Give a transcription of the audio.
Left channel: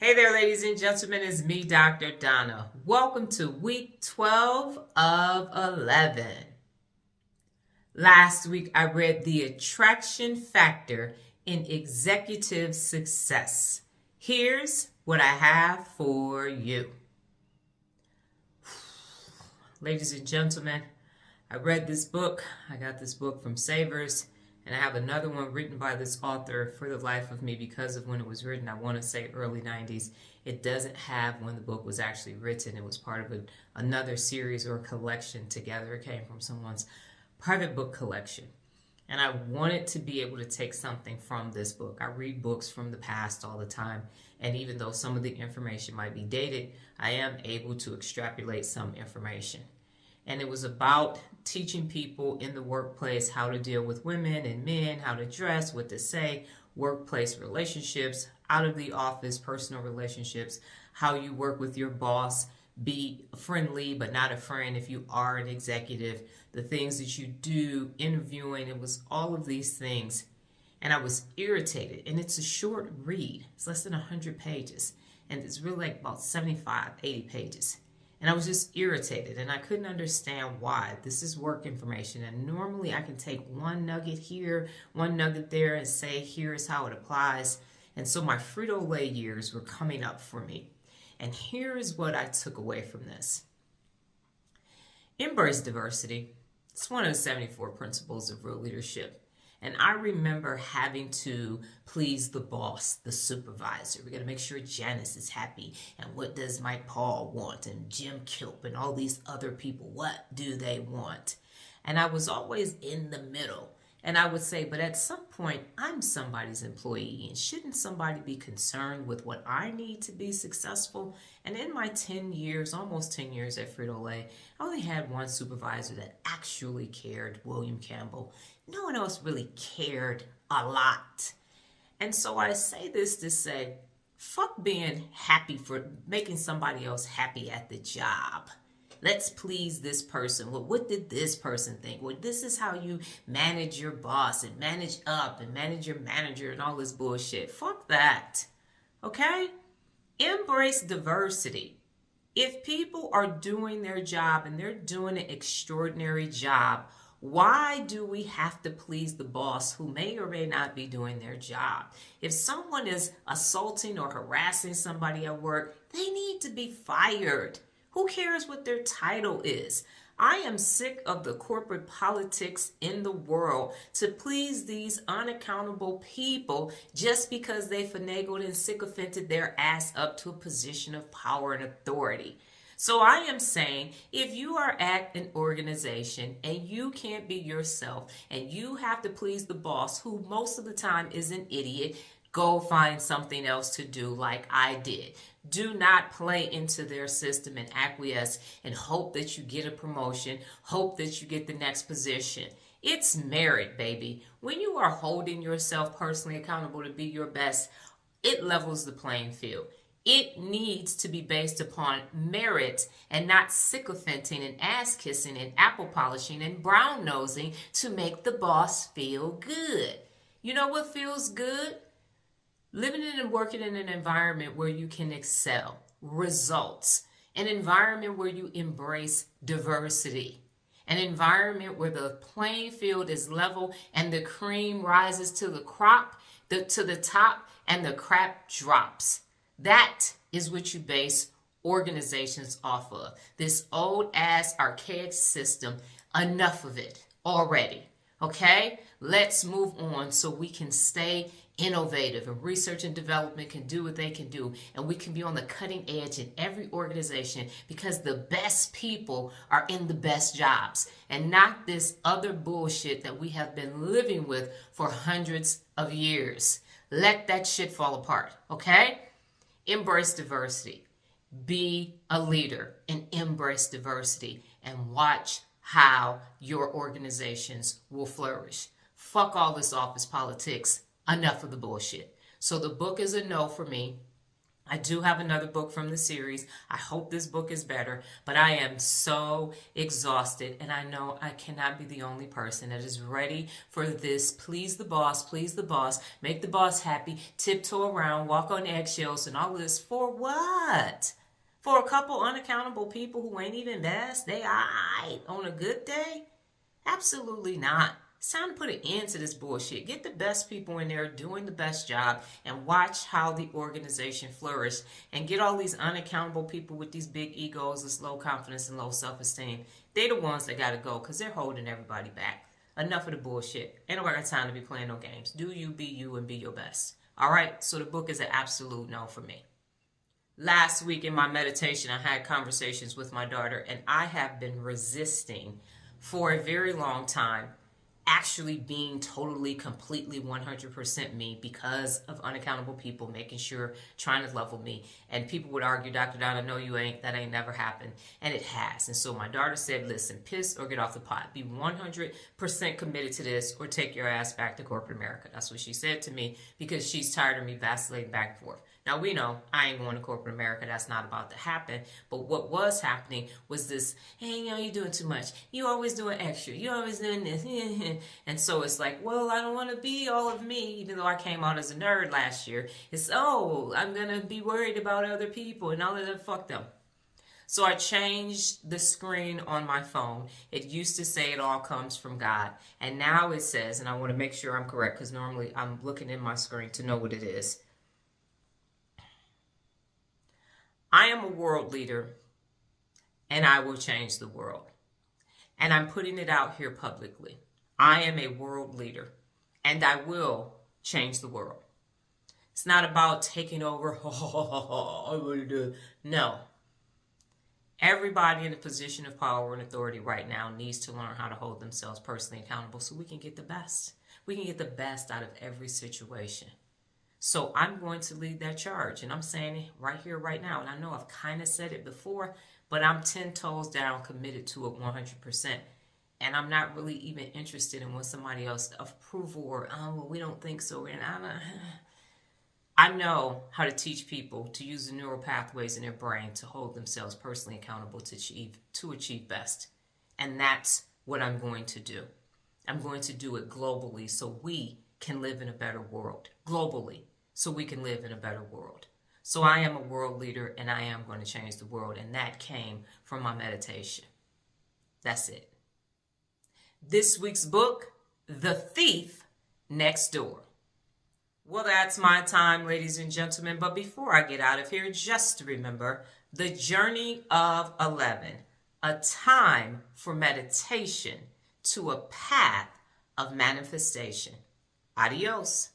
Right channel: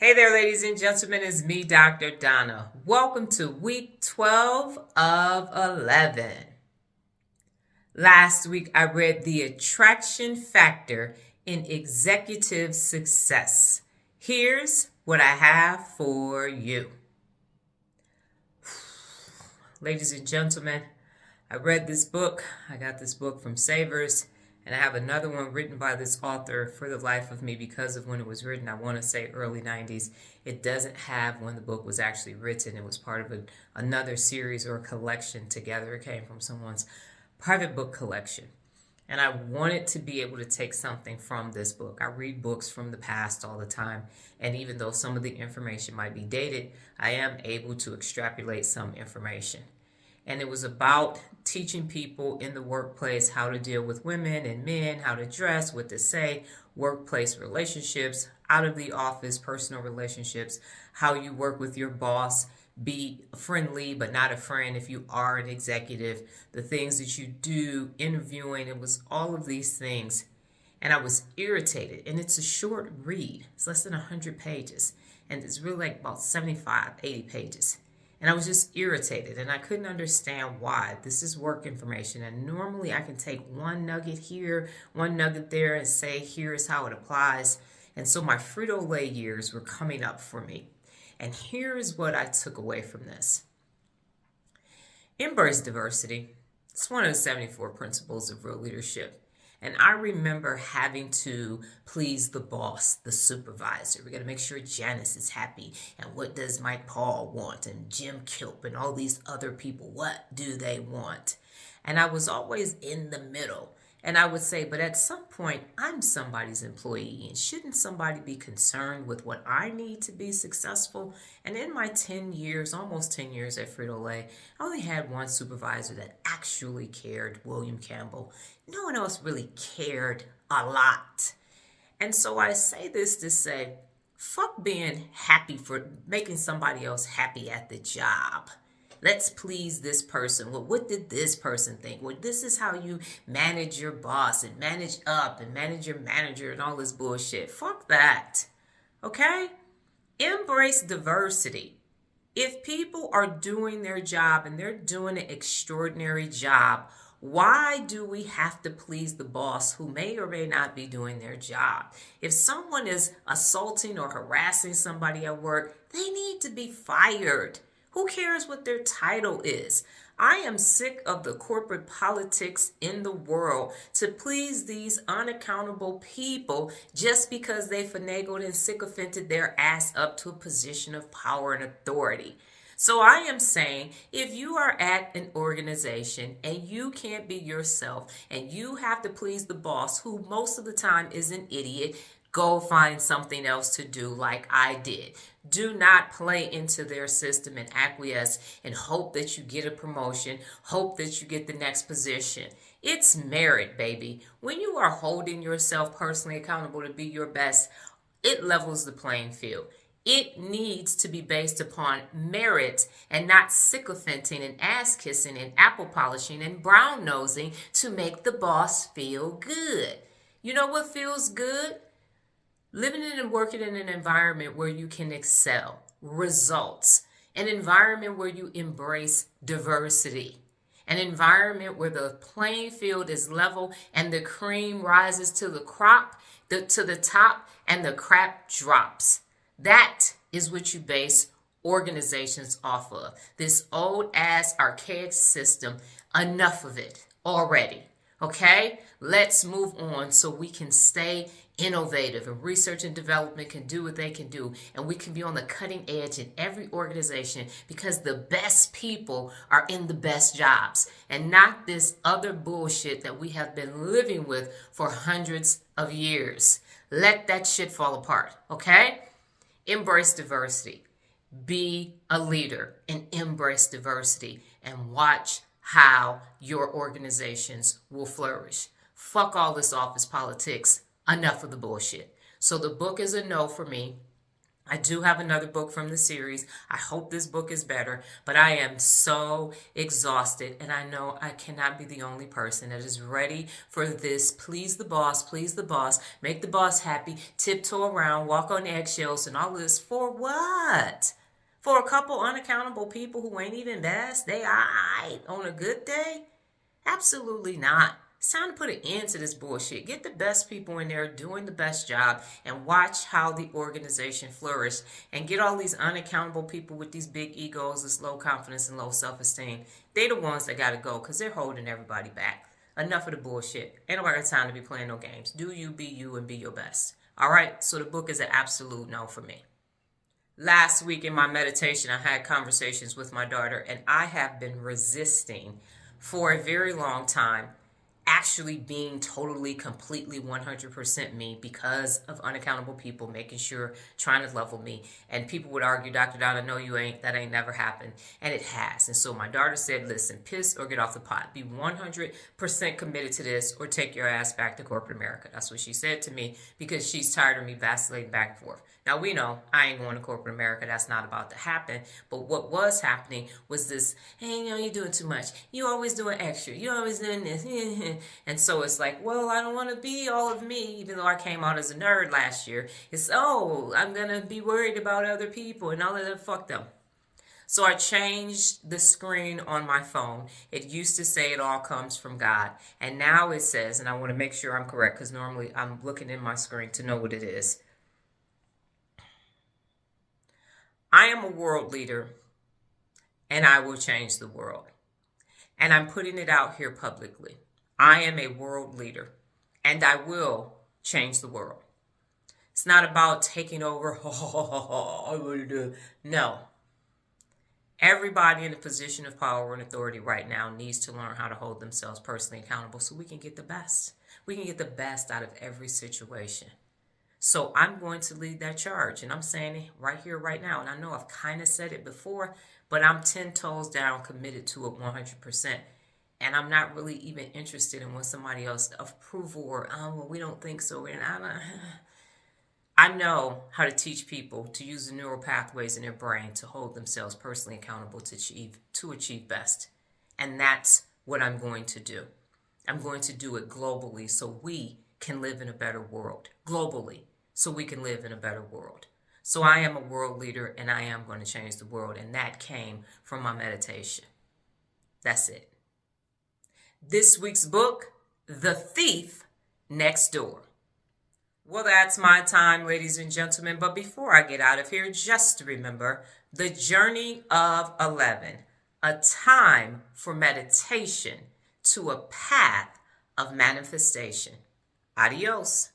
Hey there, ladies and gentlemen, it's me, Dr. Donna. Welcome to week 12 of 11. Last week, I read The Attraction Factor in Executive Success. Here's what I have for you. Ladies and gentlemen, I read this book. I got this book from Savers. And I have another one written by this author for the life of me because of when it was written. I want to say early 90s. It doesn't have when the book was actually written. It was part of another series or collection together. It came from someone's private book collection. And I wanted to be able to take something from this book. I read books from the past all the time. And even though some of the information might be dated, I am able to extrapolate some information. And it was about teaching people in the workplace how to deal with women and men, how to dress, what to say, workplace relationships, out of the office, personal relationships, how you work with your boss, be friendly but not a friend if you are an executive, the things that you do, interviewing. It was all of these things. And I was irritated. And it's a short read. It's less than 100 pages. And it's really like about 75, 80 pages. And I was just irritated, and I couldn't understand why. This is work information, and normally I can take one nugget here, one nugget there, and say, here's how it applies. And so my Frito-Lay years were coming up for me. And here's what I took away from this. Embrace diversity. It's one of the 74 principles of real leadership. And I remember having to please the boss, the supervisor. We got to make sure Janice is happy. And what does Mike Paul want? And Jim Kilp and all these other people, what do they want? And I was always in the middle. And I would say, but at some point, I'm somebody's employee. And shouldn't somebody be concerned with what I need to be successful? And in my 10 years, almost 10 years at Frito-Lay, I only had one supervisor that actually cared, William Campbell. No one else really cared a lot. And so I say this to say, fuck being happy for making somebody else happy at the job. Let's please this person. Well, what did this person think? Well, this is how you manage your boss and manage up and manage your manager and all this bullshit. Fuck that. Okay? Embrace diversity. If people are doing their job and they're doing an extraordinary job, why do we have to please the boss who may or may not be doing their job? If someone is assaulting or harassing somebody at work, they need to be fired. Who cares what their title is? I am sick of the corporate politics in the world to please these unaccountable people just because they finagled and sycophanted their ass up to a position of power and authority. So I am saying, if you are at an organization and you can't be yourself and you have to please the boss, who most of the time is an idiot, go find something else to do like I did. Do not play into their system and acquiesce and hope that you get a promotion, hope that you get the next position. It's merit, baby. When you are holding yourself personally accountable to be your best, it levels the playing field. It needs to be based upon merit and not sycophanting and ass-kissing and apple polishing and brown-nosing to make the boss feel good. You know what feels good? Living and working in an environment where you can excel, results, an environment where you embrace diversity, an environment where the playing field is level and the cream rises to the top and the crap drops. That is what you base organizations off of. This old ass archaic system, enough of it already. Okay? Let's move on so we can stay innovative and research and development can do what they can do, and we can be on the cutting edge in every organization because the best people are in the best jobs and not this other bullshit that we have been living with for hundreds of years. Let that shit fall apart, okay? Embrace diversity. Be a leader and embrace diversity and watch how your organizations will flourish. Fuck all this office politics. Enough of the bullshit. So the book is a no for me. I do have another book from the series. I hope this book is better, but I am so exhausted, and I know I cannot be the only person that is ready for this. Please the boss, make the boss happy, tiptoe around, walk on eggshells, and all of this for what? For a couple unaccountable people who ain't even best? They aight on a good day? Absolutely not. It's time to put an end to this bullshit. Get the best people in there doing the best job and watch how the organization flourish, and get all these unaccountable people with these big egos, this low confidence and low self-esteem. They're the ones that got to go because they're holding everybody back. Enough of the bullshit. Ain't nobody got time to be playing no games. Do you, be you, and be your best. All right? So the book is an absolute no for me. Last week in my meditation, I had conversations with my daughter, and I have been resisting for a very long time actually being totally, completely, 100% me because of unaccountable people making sure, trying to level me. And people would argue, Dr. Donna, no, you ain't. That ain't never happened. And it has. And so my daughter said, listen, piss or get off the pot. Be 100% committed to this or take your ass back to corporate America. That's what she said to me because she's tired of me vacillating back and forth. Now, we know I ain't going to corporate America. That's not about to happen. But what was happening was this, hey, you're doing too much. You always doing extra. You always doing this. And so it's like, well, I don't want to be all of me, even though I came out as a nerd last year. It's, oh, I'm going to be worried about other people and all of that. Fuck them. So I changed the screen on my phone. It used to say it all comes from God. And now it says, and I want to make sure I'm correct because normally I'm looking in my screen to know what it is. I am a world leader, and I will change the world. And I'm putting it out here publicly. I am a world leader, and I will change the world. It's not about taking over. No. Everybody in a position of power and authority right now needs to learn how to hold themselves personally accountable so we can get the best. We can get the best out of every situation. So I'm going to lead that charge, and I'm saying it right here, right now. And I know I've kind of said it before, but I'm 10 toes down, committed to it 100%. And I'm not really even interested in what somebody else approval or, oh, well, we don't think so. And I know how to teach people to use the neural pathways in their brain to hold themselves personally accountable to achieve best. And that's what I'm going to do. I'm going to do it globally so we can live in a better world. Globally, so we can live in a better world. So I am a world leader, and I am going to change the world. And that came from my meditation. That's it. This week's book, The Thief Next Door. Well, that's my time, ladies and gentlemen. But before I get out of here, just remember the journey of 11, a time for meditation to a path of manifestation. Adios.